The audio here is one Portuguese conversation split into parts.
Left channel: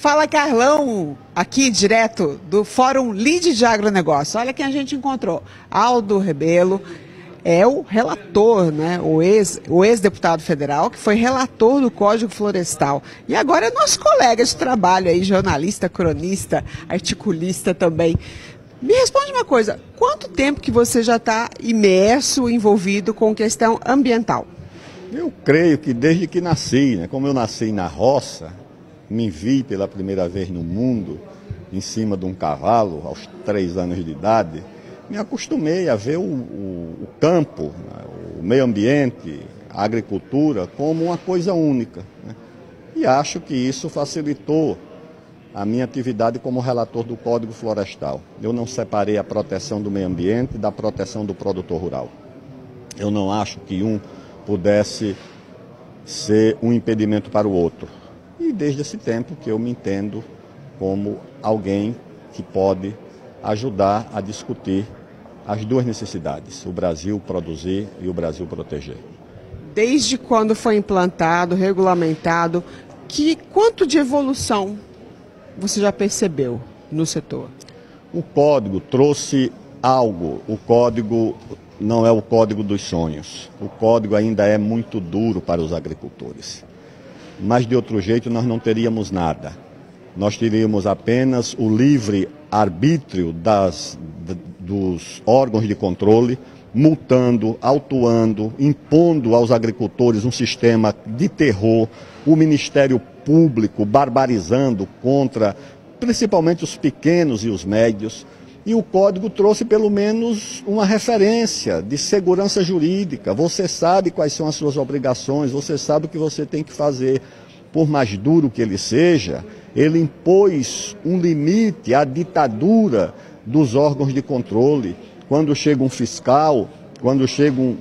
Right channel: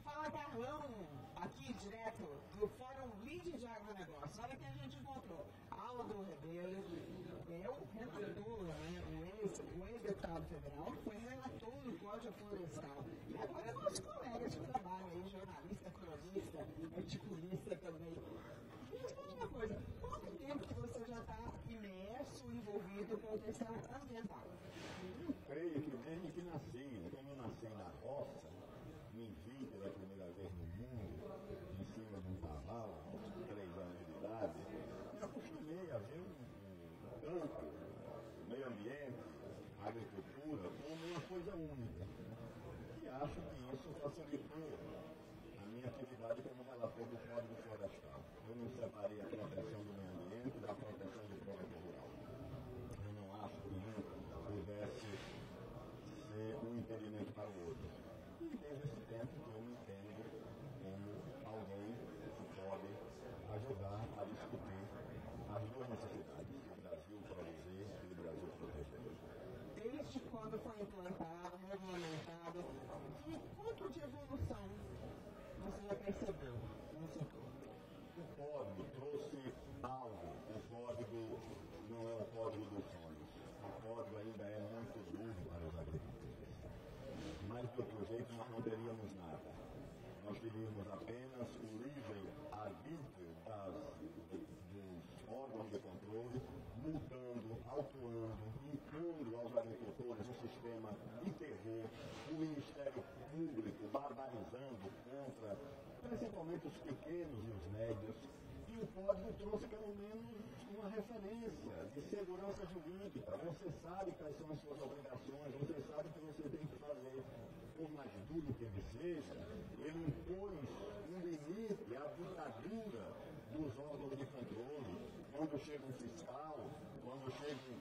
Fala Carlão, aqui direto do Fórum Lead de Agronegócio. Olha quem a gente encontrou. Aldo Rebelo é o relator, né? O ex-deputado federal, que foi relator do Código Florestal. E agora é nosso colega de trabalho aí, jornalista, cronista, articulista também. Me responde uma coisa, quanto tempo que você já está imerso, envolvido com questão ambiental? Eu creio que desde que nasci, né? Como eu nasci na roça, me vi pela primeira vez no mundo, em cima de um cavalo, aos 3 anos de idade, me acostumei a ver o campo, o meio ambiente, a agricultura como uma coisa única, né? E acho que isso facilitou a minha atividade como relator do Código Florestal. Eu não separei a proteção do meio ambiente da proteção do produtor rural. Eu não acho que um pudesse ser um impedimento para o outro. E desde esse tempo que eu me entendo como alguém que pode ajudar a discutir as duas necessidades, o Brasil produzir e o Brasil proteger. Desde quando foi implantado, regulamentado, quanto de evolução você já percebeu no setor? O código trouxe algo, o código não é o código dos sonhos, o código ainda é muito duro para os agricultores. Mas de outro jeito nós não teríamos nada. Nós teríamos apenas o livre arbítrio dos órgãos de controle, multando, autuando, impondo aos agricultores um sistema de terror, o Ministério Público barbarizando contra principalmente os pequenos e os médios. E o código trouxe pelo menos uma referência de segurança jurídica. Você sabe quais são as suas obrigações, você sabe o que você tem que fazer. Por mais duro que ele seja, ele impôs um limite à ditadura dos órgãos de controle. Quando chega um fiscal, quando chega um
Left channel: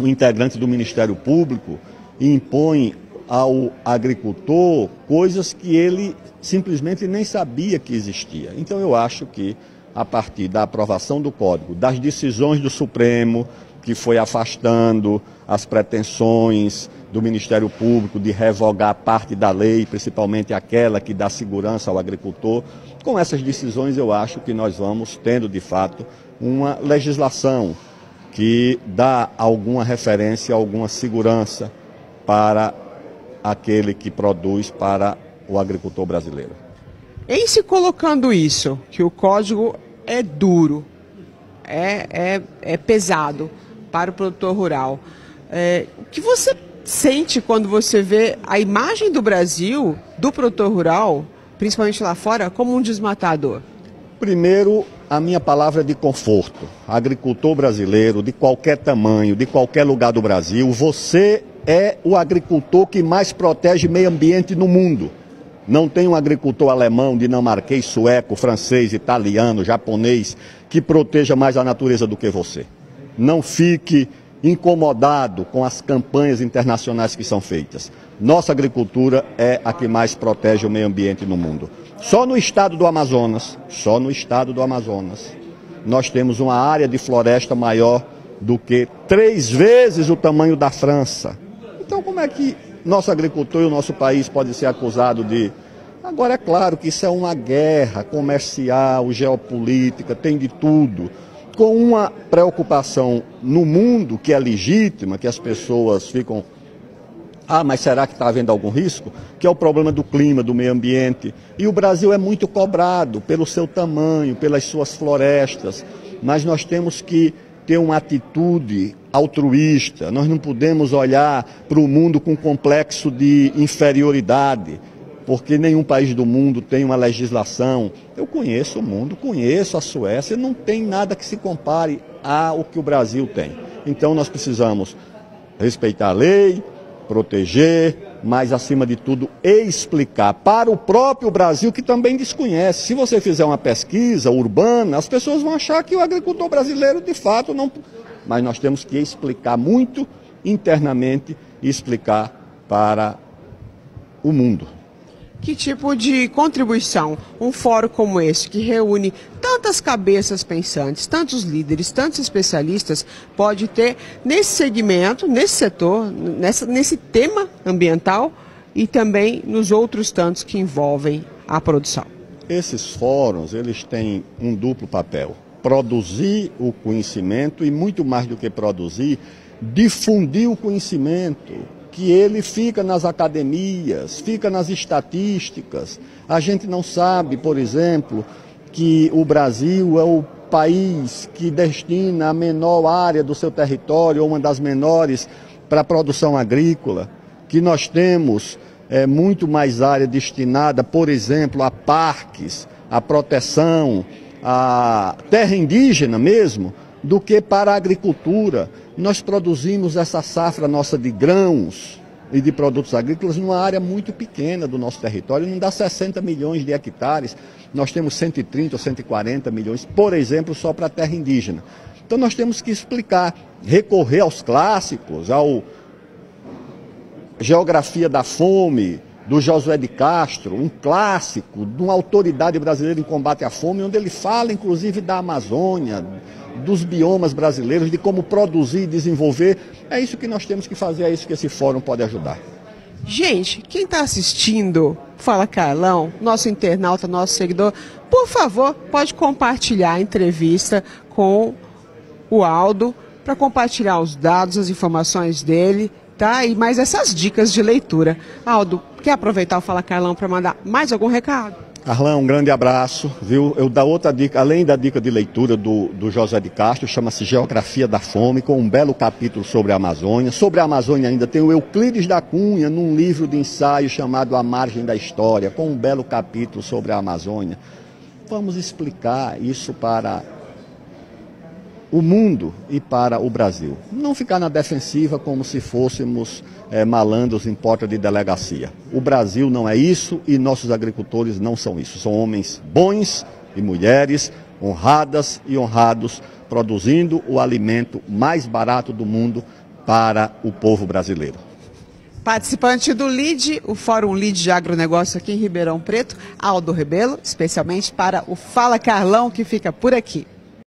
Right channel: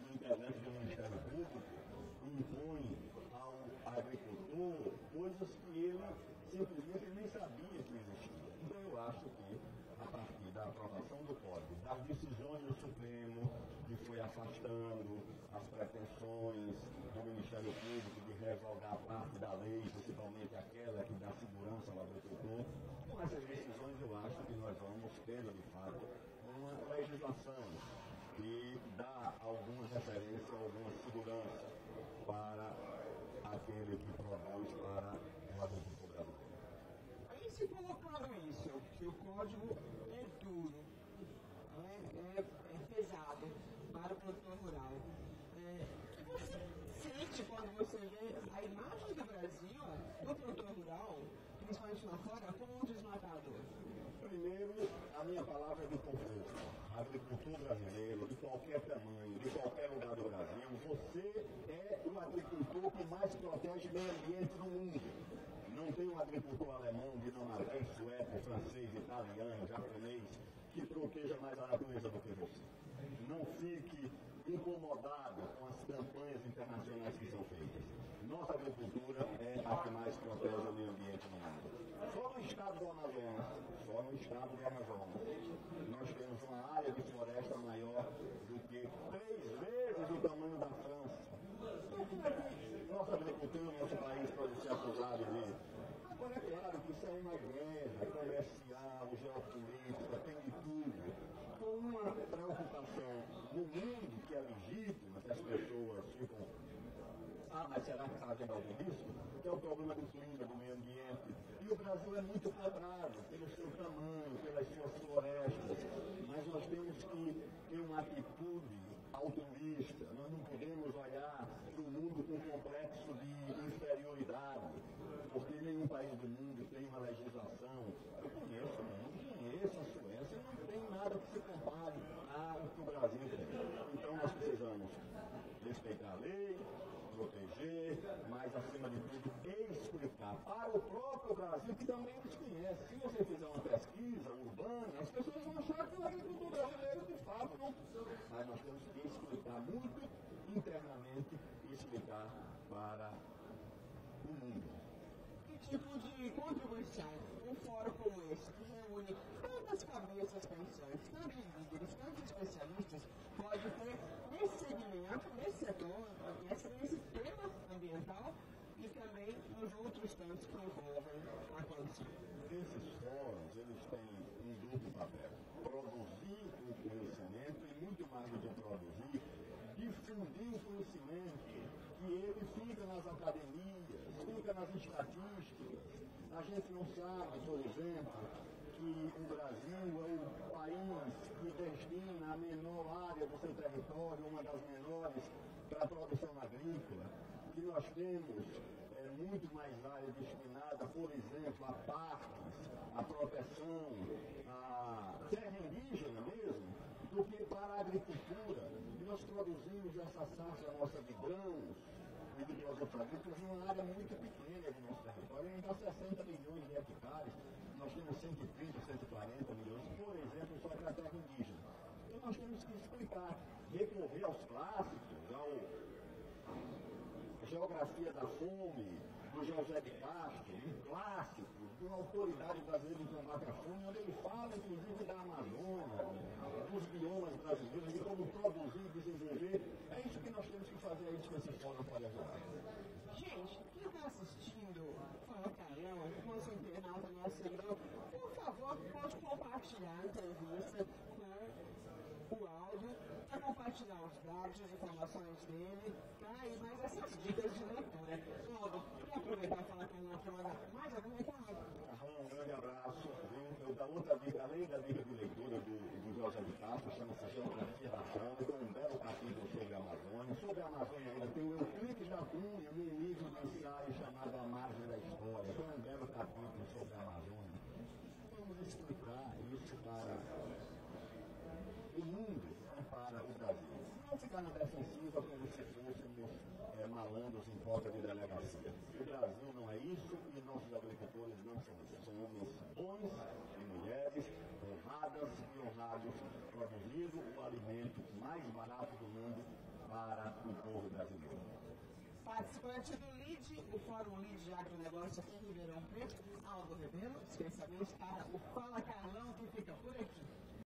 integrante do Ministério Público e impõe ao agricultor coisas que ele simplesmente nem sabia que existia. Então eu acho que a partir da aprovação do Código, das decisões do Supremo, que foi afastando as pretensões do Ministério Público de revogar parte da lei, principalmente aquela que dá segurança ao agricultor, com essas decisões eu acho que nós vamos tendo, de fato, uma legislação que dá alguma referência, alguma segurança para aquele que produz para o agricultor brasileiro. Em se colocando isso, que o código é duro, é pesado para o produtor rural, o que você sente quando você vê a imagem do Brasil, do produtor rural, principalmente lá fora, como um desmatador? Primeiro, a minha palavra é de conforto. Agricultor brasileiro, de qualquer tamanho, de qualquer lugar do Brasil, você é o agricultor que mais protege meio ambiente no mundo. Não tem um agricultor alemão, dinamarquês, sueco, francês, italiano, japonês que proteja mais a natureza do que você. Não fique incomodado com as campanhas internacionais que são feitas. Nossa agricultura é a que mais protege o meio ambiente no mundo. Só no estado do Amazonas, nós temos uma área de floresta maior do que 3 vezes o tamanho da França. Então como é que nosso agricultor e o nosso país pode ser acusado de... Agora é claro que isso é uma guerra comercial, geopolítica, tem de tudo. Com uma preocupação no mundo que é legítima, que as pessoas ficam... mas será que está havendo algum risco? Que é o problema do clima, do meio ambiente. E o Brasil é muito cobrado pelo seu tamanho, pelas suas florestas. Mas nós temos que ter uma atitude altruísta. Nós não podemos olhar para o mundo com complexo de inferioridade, porque nenhum país do mundo tem uma legislação. Eu conheço o mundo, conheço a Suécia, não tem nada que se compare ao que o Brasil tem. Então nós precisamos respeitar a lei, proteger, mas acima de tudo explicar para o próprio Brasil que também desconhece. Se você fizer uma pesquisa urbana, as pessoas vão achar que o agricultor brasileiro de fato não... Mas nós temos que explicar muito internamente e explicar para o mundo. Que tipo de contribuição um fórum como esse, que reúne tantas cabeças pensantes, tantos líderes, tantos especialistas, pode ter nesse segmento, nesse setor, nesse tema ambiental e também nos outros tantos que envolvem a produção? Esses fóruns, eles têm um duplo papel: produzir o conhecimento e, muito mais do que produzir, difundir o conhecimento, que ele fica nas academias, fica nas estatísticas. A gente não sabe, por exemplo, que o Brasil é o país que destina a menor área do seu território, ou uma das menores, para a produção agrícola, que nós temos muito mais área destinada, por exemplo, a parques, a proteção, a terra indígena mesmo, do que para a agricultura. Nós produzimos essa safra nossa de grãos e de produtos agrícolas numa área muito pequena do nosso território, não dá 60 milhões de hectares, nós temos 130 ou 140 milhões, por exemplo, só para a terra indígena. Então nós temos que explicar, recorrer aos clássicos, ao Geografia da Fome, do Josué de Castro, um clássico de uma autoridade brasileira em combate à fome, onde ele fala inclusive da Amazônia, dos biomas brasileiros, de como produzir e desenvolver. É isso que nós temos que fazer, é isso que esse fórum pode ajudar. Gente, quem está assistindo Fala Carlão, nosso internauta, nosso seguidor, por favor, pode compartilhar a entrevista com o Aldo, para compartilhar os dados, as informações dele, tá? E mais essas dicas de leitura. Aldo, quer aproveitar o Fala Carlão para mandar mais algum recado? Carlão, um grande abraço, viu? Eu dou outra dica, além da dica de leitura do José de Castro, chama-se Geografia da Fome, com um belo capítulo sobre a Amazônia. Sobre a Amazônia ainda tem o Euclides da Cunha, num livro de ensaio chamado A Margem da História, com um belo capítulo sobre a Amazônia. Vamos explicar isso para o mundo e para o Brasil. Não ficar na defensiva como se fôssemos malandros em porta de delegacia. O Brasil não é isso e nossos agricultores não são isso. São homens bons e mulheres honradas e honrados, produzindo o alimento mais barato do mundo para o povo brasileiro. Participante do LEAD, o Fórum LEAD de Agronegócio aqui em Ribeirão Preto, Aldo Rebelo, especialmente para o Fala Carlão, que fica por aqui.